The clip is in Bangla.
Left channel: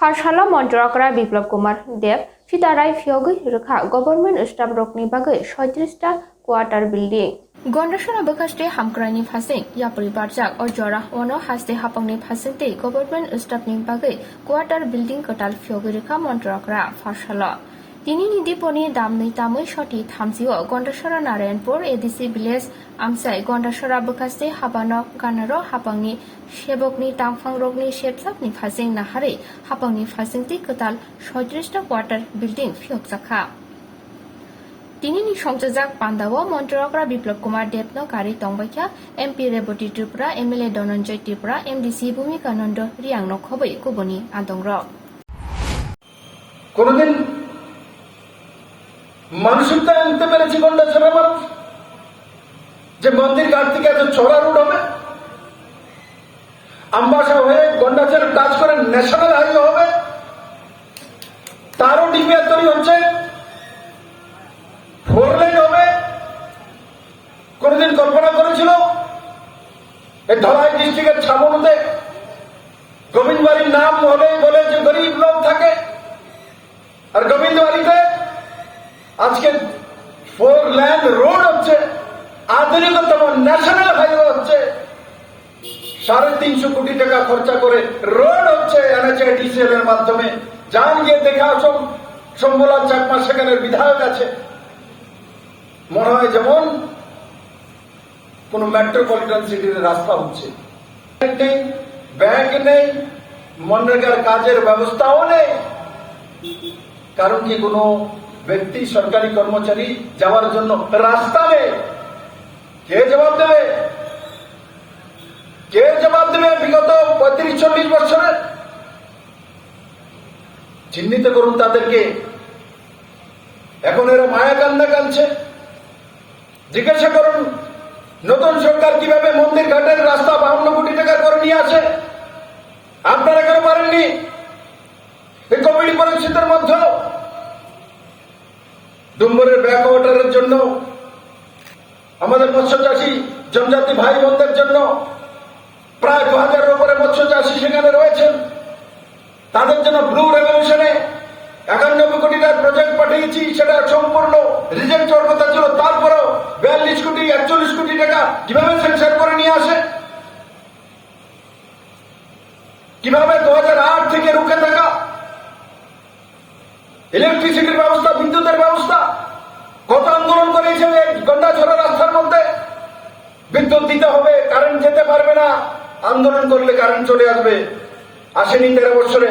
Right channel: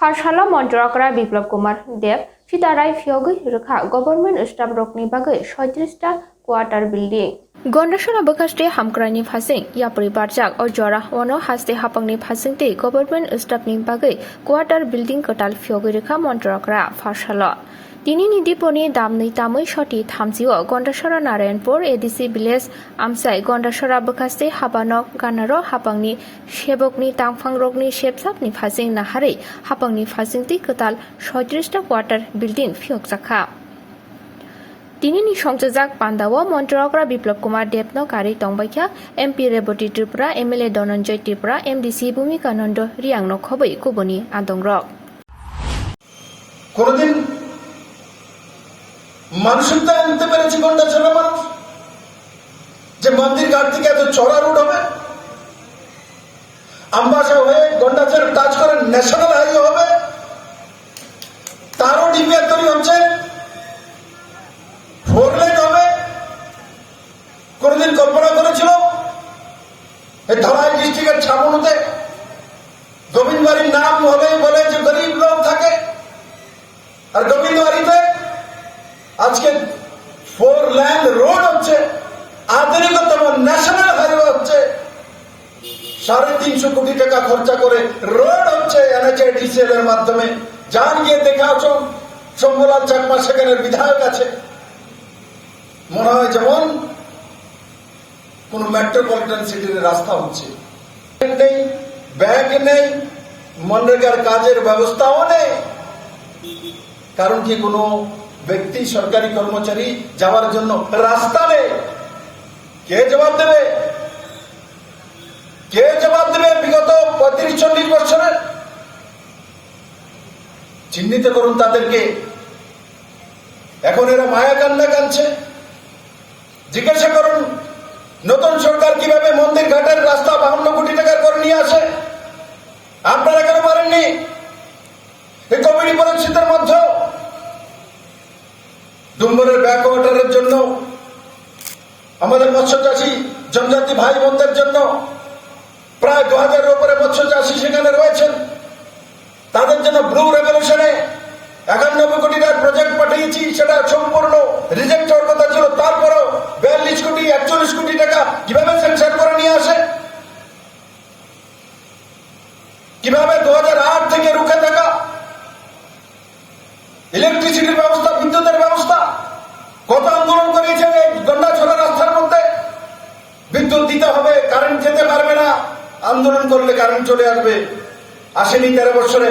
Pharshalo MONTRI BIPLAB KUMAR DEB Sitarai Fiogui RWKHA Government Staff Rokni Bagai 37টা কোয়ার্টার বিল্ডিং গন্ডাসরা বকাস্টে হামক্রানি ফাসিং ইয়াপরি বারজাক অজরা ওনো হাসতে হাপাংনি ফাসিংতে গভর্নমেন্ট স্টাফনি বাgai কোয়ার্টার বিল্ডিং কটাল ফিogui RWKHA মন্ত্রকরা Pharshalo তিনি নিদিপনি দামনি তামৈ সটি থামজিও গন্ডাসরা নারায়ণপুর এডিসি ভিলেজ আমসাই গন্ডাসরা বকাস্টে হাবানক গানারো হাপাংনি সেবকনি তাংফাং রগনি শেপসাপনি ফাসিং নাহারে হাপাংনি ফাসিংতি কটাল 37টা কোয়ার্টার বিল্ডিং ফিয়কজাখা তিনি সংযোজক পান্দাও মন্ত্রকরা বিপ্লব কুমার দেবনো কারি তংবাইখা MP Rebati Tripura MLA Dhananjay Tripura MDC Bhumikananda রিয়াংনো খবৈ কুবনি আদংরক কোনদিন মানসিকতা আনতে পেরেছি গন্ডাছড়া মানুষ যে মন্দির ঘাট থেকে এত চড়া রোড হবে আমবাসা হয়ে গন্ডাছড়া টাচ করে ন্যাশনাল হাইওয়ে হবে তারও ডিপিআর তৈরি হচ্ছে 4 লেন হবে কোনদিন কল্পনা করেছিল এই ধলাই ডিস্ট্রিক্টের ছাগলতে গোবিন্দবাড়ির নাম হবে বলে যে গরিব লোক থাকে আর গোবিন্দবাড়িতে আজকে 4 লেন রোড হচ্ছে আধুনিকতম ন্যাশনাল হাইওয়ে হচ্ছে 350 কোটি টাকা খরচা করে রোড হচ্ছে এনএচএডিসিএল এর মাধ্যমে যান গিয়ে দেখা আসুন শম্ভুলাল চাকমা সেখানের বিধায়ক আছে মনে হয় যেমন কোন মেট্রোপলিটন সিটির রাস্তা হচ্ছে নেই ব্যাংক নেই মনরেগার কাজের ব্যবস্থাও নেই কারণ কি কোনো ব্যক্তি সরকারি কর্মচারী যাওয়ার জন্য রাস্তা নেই কে জবাব দেবে বিগত 35-40 বছরের চিহ্নিত করুন তাদেরকে এখন এরা মায়া কান্না কাঁদছে জিজ্ঞাসা করুন নতুন সরকার কিভাবে মন্দির ঘাটের রাস্তা 52 কোটি টাকা করে নিয়ে আসে আপনারা কেন পারেননি এই কোভিড পরিস্থিতির মধ্যে ডুম্বরের ব্যাকওয়াটারের জন্য আমাদের মৎস্য চাষী জনজাতি ভাই বোনদের জন্য প্রায় 2000-এর উপরে মৎস্য চাষী সেখানে রয়েছেন তাদের জন্য ব্লু রেভলিউশনে 91 কোটি টাকার প্রজেক্ট পাঠিয়েছি সেটা সম্পূর্ণ রিজেক্ট হওয়ার কথা ছিল তারপরেও 42 কোটি 41 কোটি টাকা কিভাবে স্যাংশন করে নিয়ে আসে কিভাবে 2008 থেকে রুখে থাকা ইলেকট্রিসিটির ব্যবস্থা বিদ্যুতের ব্যবস্থা কত আন্দোলন করেছেন গন্ডাছড়া রাস্তার মধ্যে বিদ্যুৎ দিতে হবে কারেন্ট যেতে পারবে না আন্দোলন করলে কারেন্ট চলে আসবে আসেনি 13 বছরে